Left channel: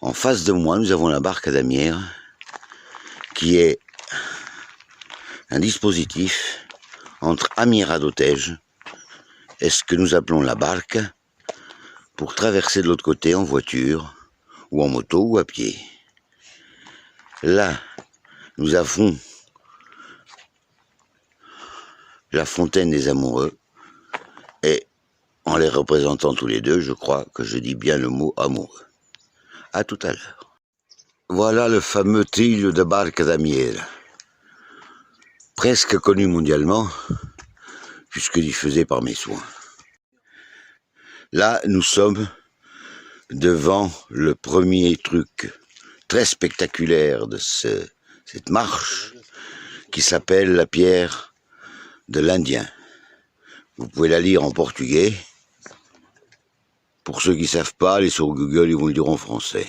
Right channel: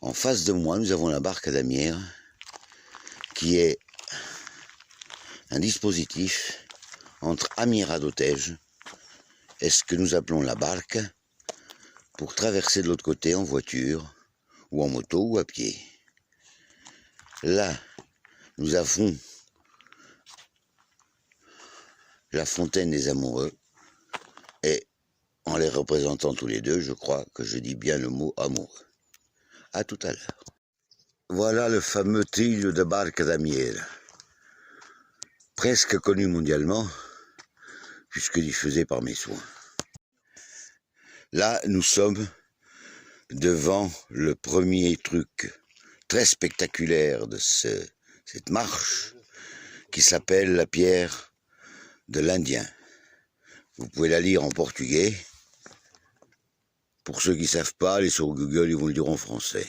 En face de moi, nous avons la barque à damière, qui est un dispositif entre Amira d'Otège et ce que nous appelons la barque, pour traverser de l'autre côté en voiture, ou en moto, ou à pied. Là, nous avons la fontaine des amoureux, et en les représentant tous les deux, je crois que je dis bien le mot amoureux. À tout à l'heure. Voilà le fameux Trilho de Barca da Miele, presque connu mondialement, puisque diffusé par mes soins. Là, nous sommes devant le premier truc très spectaculaire de cette marche, qui s'appelle la pierre de l'Indien. Vous pouvez la lire en portugais. Pour ceux qui ne savent pas, allez sur Google, ils vous le diront en français.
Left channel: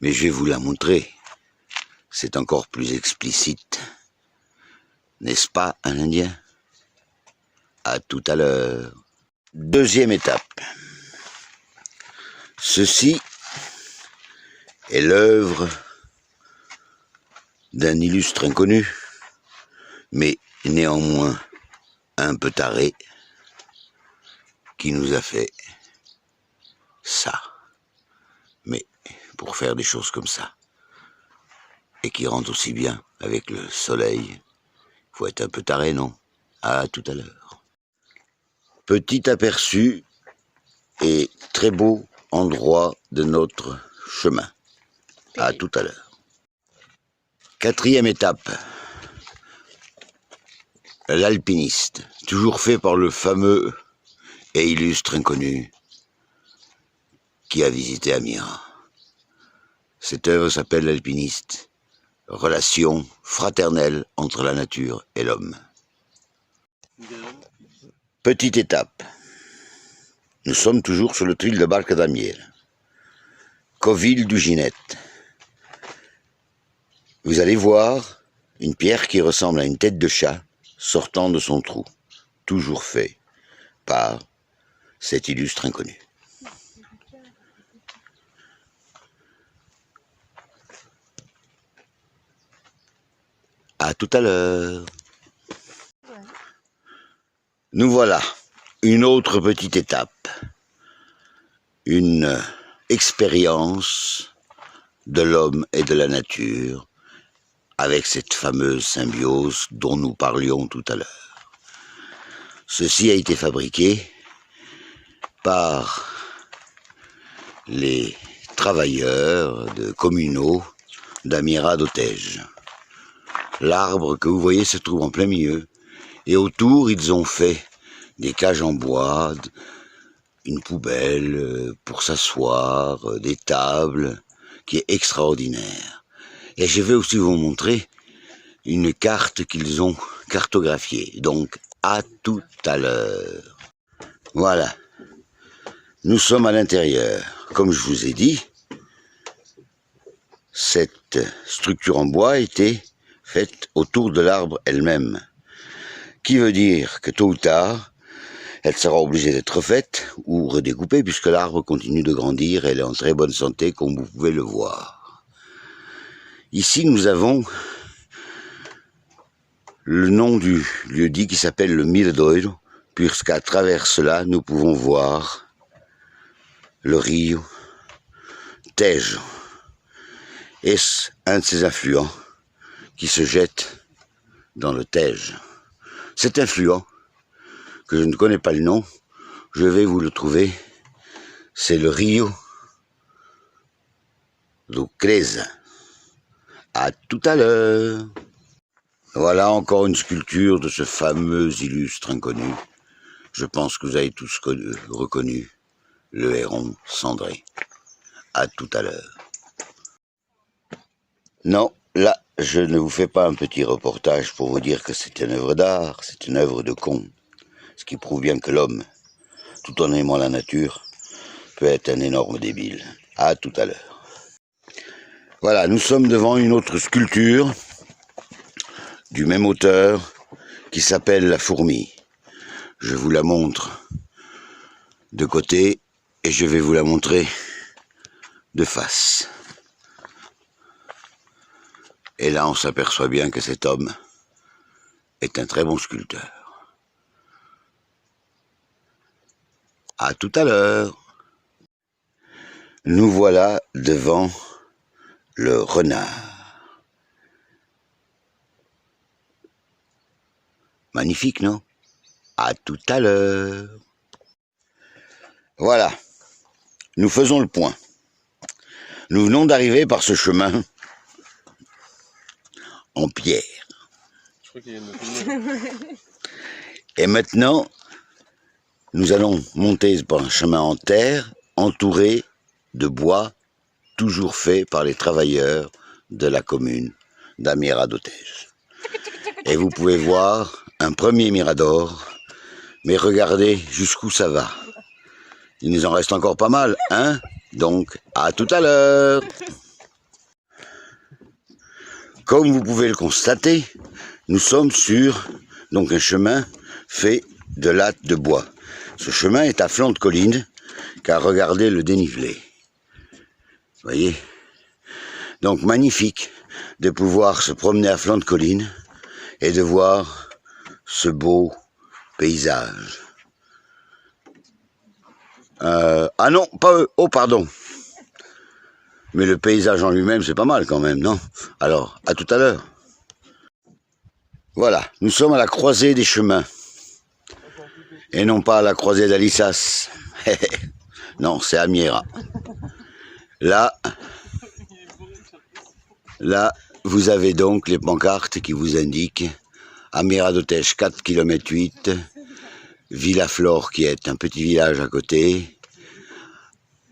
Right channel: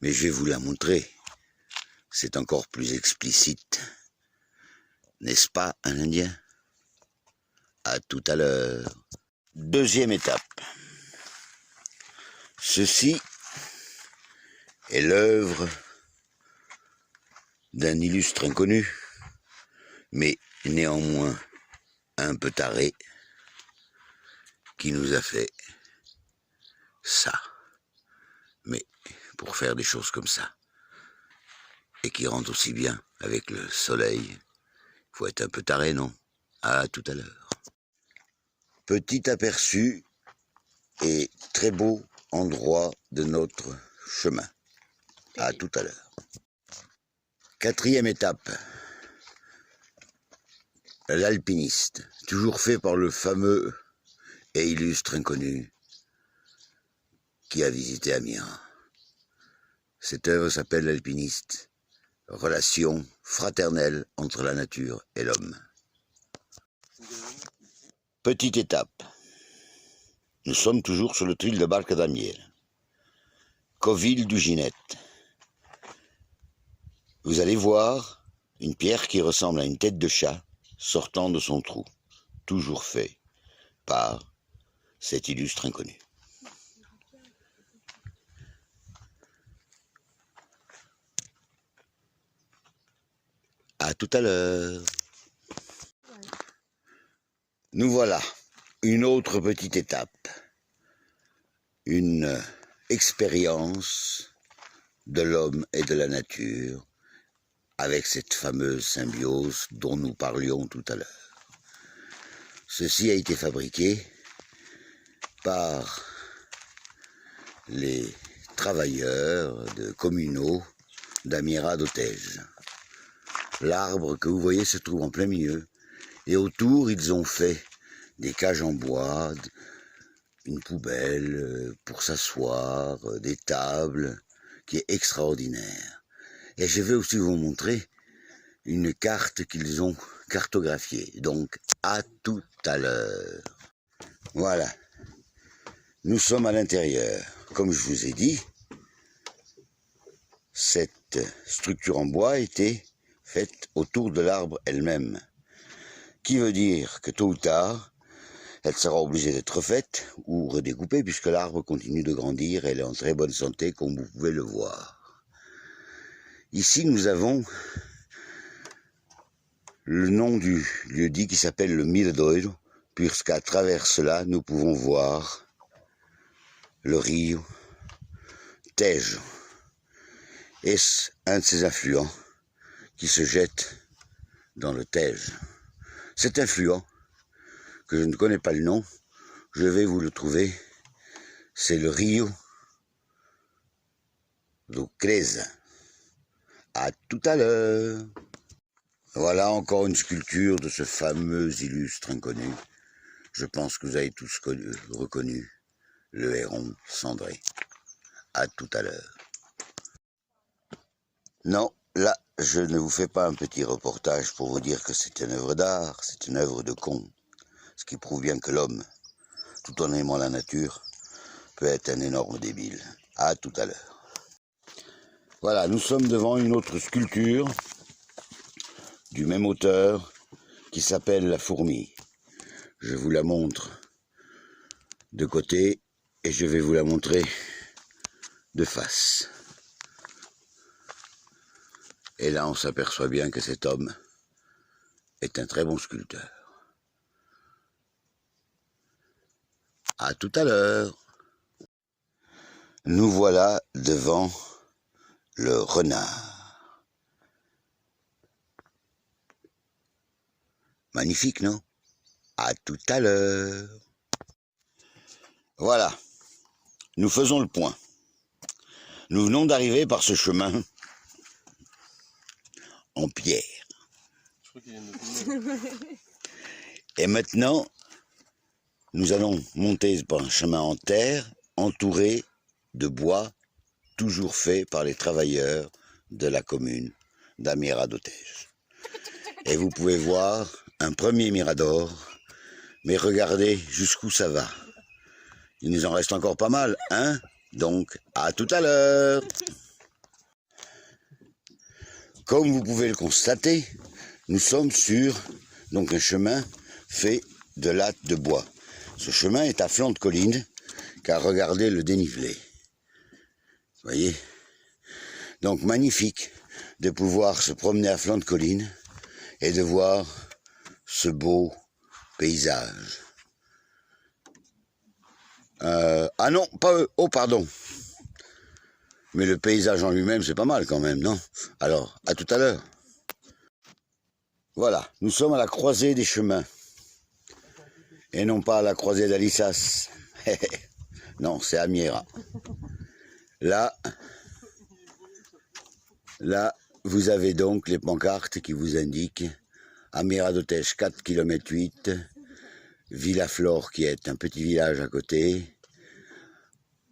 Mais je vais vous la montrer. C'est encore plus explicite. N'est-ce pas, un Indien? À tout à l'heure. Deuxième étape. Ceci est l'œuvre d'un illustre inconnu, mais néanmoins un peu taré, qui nous a fait ça. Mais pour faire des choses comme ça, et qui rentre aussi bien avec le soleil, il faut être un peu taré, non? À tout à l'heure. Petit aperçu et très beau endroit de notre chemin. À tout à l'heure. Quatrième étape. L'alpiniste, toujours fait par le fameux et illustre inconnu qui a visité Amira. Cette œuvre s'appelle L'Alpiniste, relation fraternelle entre la nature et l'homme. Petite étape. Nous sommes toujours sur le Trilho de Barca da Miele, Covil du Ginette. Vous allez voir une pierre qui ressemble à une tête de chat sortant de son trou, toujours fait par cet illustre inconnu. À tout à l'heure. Nous voilà, une autre petite étape, une expérience de l'homme et de la nature avec cette fameuse symbiose dont nous parlions tout à l'heure. Ceci a été fabriqué par les travailleurs communaux d'Amira d'Otège. L'arbre que vous voyez se trouve en plein milieu, et autour ils ont fait des cages en bois, une poubelle pour s'asseoir, des tables, qui est extraordinaire. Et je vais aussi vous montrer une carte qu'ils ont cartographiée. Donc, à tout à l'heure. Voilà. Nous sommes à l'intérieur. Comme je vous ai dit, cette structure en bois a été faite autour de l'arbre elle-même. Qui veut dire que tôt ou tard, elle sera obligée d'être refaite ou redécoupée, puisque l'arbre continue de grandir et elle est en très bonne santé, comme vous pouvez le voir. Ici, nous avons le nom du lieu-dit qui s'appelle le Miradouro, puisqu'à travers cela, nous pouvons voir le Rio Tejo. Est-ce un de ces affluents qui se jette dans le Tejo? Cet affluent, que je ne connais pas le nom, je vais vous le trouver, c'est le Rio do Creza. À tout à l'heure. Voilà encore une sculpture de ce fameux illustre inconnu. Je pense que vous avez tous reconnu le héron cendré. À tout à l'heure. Non, là, je ne vous fais pas un petit reportage pour vous dire que c'est une œuvre d'art, c'est une œuvre de con. Ce qui prouve bien que l'homme, tout en aimant la nature, peut être un énorme débile. À tout à l'heure. Voilà, nous sommes devant une autre sculpture du même auteur qui s'appelle La Fourmi. Je vous la montre de côté et je vais vous la montrer de face. Et là, on s'aperçoit bien que cet homme est un très bon sculpteur. À tout à l'heure. Nous voilà devant le renard. Magnifique, non? À tout à l'heure. Voilà, nous faisons le point. Nous venons d'arriver par ce chemin en pierre. Je crois qu'il y a une... Et maintenant, nous allons monter par un chemin en terre, entouré de bois, toujours fait par les travailleurs de la commune d'Amira d'Otège. Et vous pouvez voir un premier mirador, mais regardez jusqu'où ça va. Il nous en reste encore pas mal, hein? Donc, à tout à l'heure. Comme vous pouvez le constater, nous sommes sur donc un chemin fait de lattes de bois. Ce chemin est à flanc de colline, car regardez le dénivelé. Voyez? Donc magnifique de pouvoir se promener à flanc de colline et de voir ce beau paysage. Ah non, pas eux. Oh, pardon. Mais le paysage en lui-même, c'est pas mal quand même, non? Alors, à tout à l'heure. Voilà, nous sommes à la croisée des chemins. Et non pas à la croisée d'Alissas. Non, c'est Amira. Là, vous avez donc les pancartes qui vous indiquent Amira d'Otège 4 km 8, Villaflore qui est un petit village à côté,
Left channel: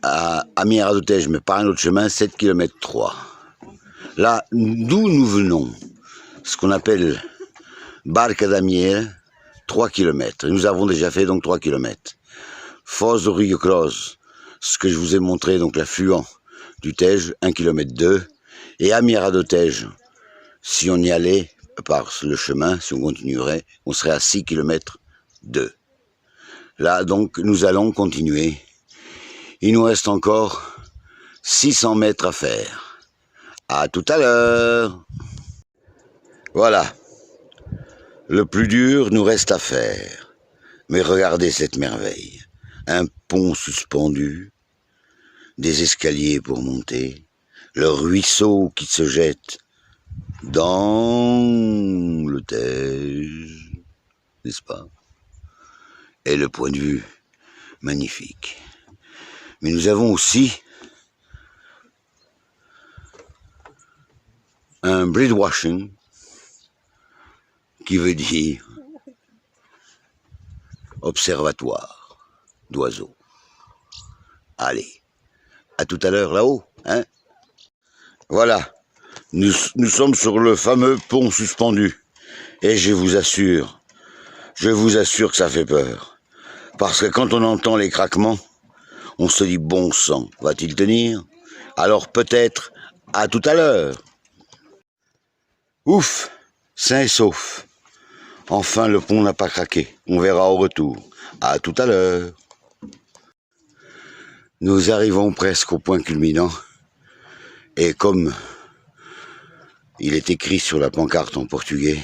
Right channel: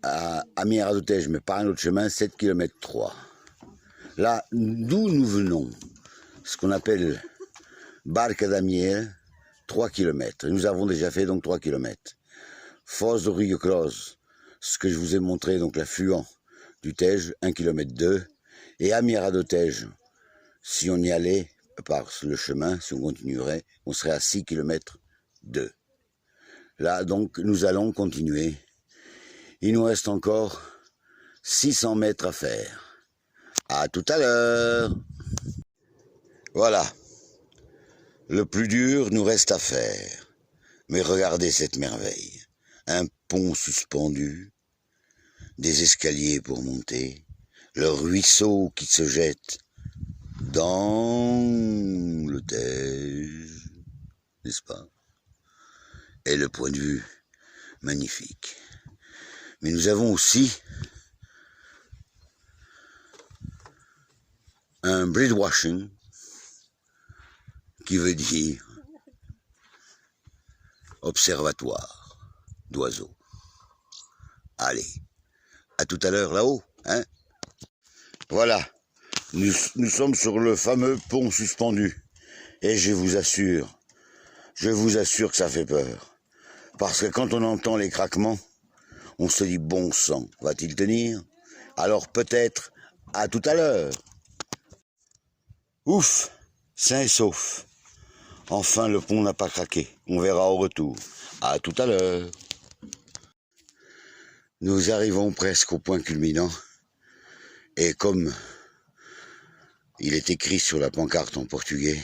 à Amira d'Otège mais par un autre chemin 7 km 3. Là, d'où nous venons, ce qu'on appelle Barca d'Amiera, 3 km. Nous avons déjà fait donc 3 km. Foz do Rio Cross, ce que je vous ai montré, donc l'affluent du Tège, 1 km 2. Et Amira d'Otège, si on y allait par le chemin, si on continuerait, on serait à 6 km 2. Là, donc, nous allons continuer. Il nous reste encore 600 mètres à faire. À tout à l'heure. Voilà. Le plus dur nous reste à faire. Mais regardez cette merveille. Un pont suspendu, des escaliers pour monter, le ruisseau qui se jette dans le Tège, n'est-ce pas? Et le point de vue magnifique. Mais nous avons aussi un breedwashing qui veut dire observatoire d'oiseaux. Allez, à tout à l'heure là-haut, hein? Voilà, nous sommes sur le fameux pont suspendu. Et je vous assure que ça fait peur. Parce que quand on entend les craquements, on se dit bon sang, va-t-il tenir? Alors peut-être à tout à l'heure. Ouf, sain et sauf. Enfin le pont n'a pas craqué, on verra au retour. À tout à l'heure. Nous arrivons presque au point culminant. Et comme il est écrit sur la pancarte en portugais,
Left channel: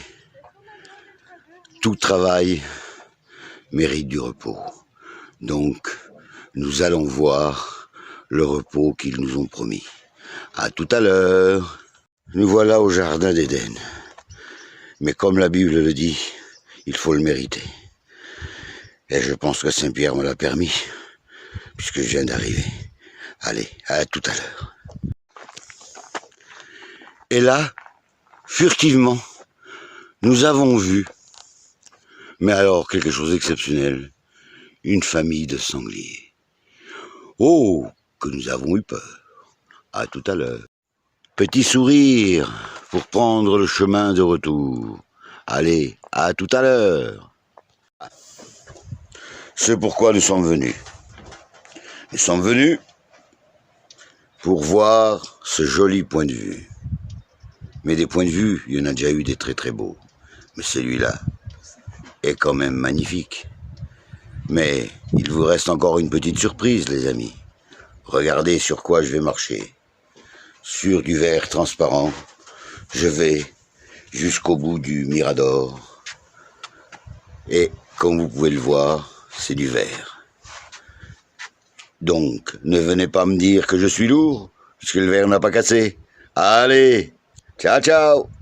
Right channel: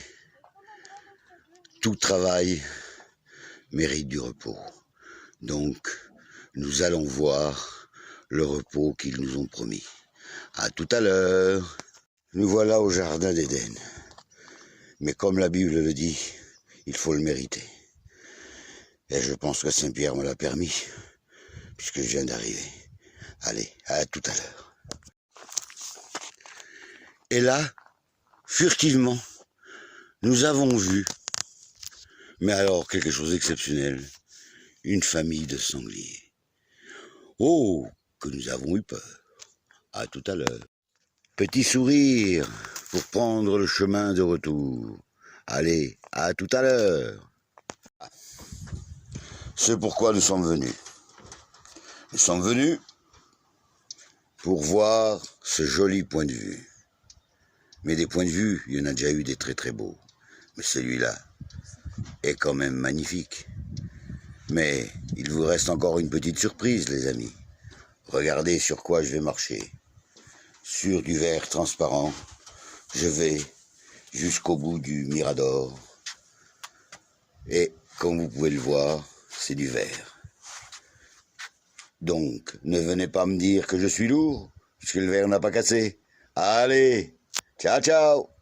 tout travail mérite du repos. Donc, nous allons voir le repos qu'ils nous ont promis. À tout à l'heure. Nous voilà au jardin d'Éden. Mais comme la Bible le dit, il faut le mériter. Et je pense que Saint-Pierre me l'a permis, puisque je viens d'arriver. Allez, à tout à l'heure. Et là, furtivement, nous avons vu, mais alors quelque chose d'exceptionnel, une famille de sangliers. Oh, que nous avons eu peur. À tout à l'heure. Petit sourire pour prendre le chemin de retour. Allez, à tout à l'heure. C'est pourquoi nous sommes venus. Nous sommes venus pour voir ce joli point de vue. Mais des points de vue, il y en a déjà eu des très très beaux. Mais celui-là est quand même magnifique. Mais il vous reste encore une petite surprise, les amis. Regardez sur quoi je vais marcher. Sur du verre transparent, je vais jusqu'au bout du Mirador. Et comme vous pouvez le voir, c'est du verre. Donc, ne venez pas me dire que je suis lourd, puisque le verre n'a pas cassé. Allez, ciao ciao.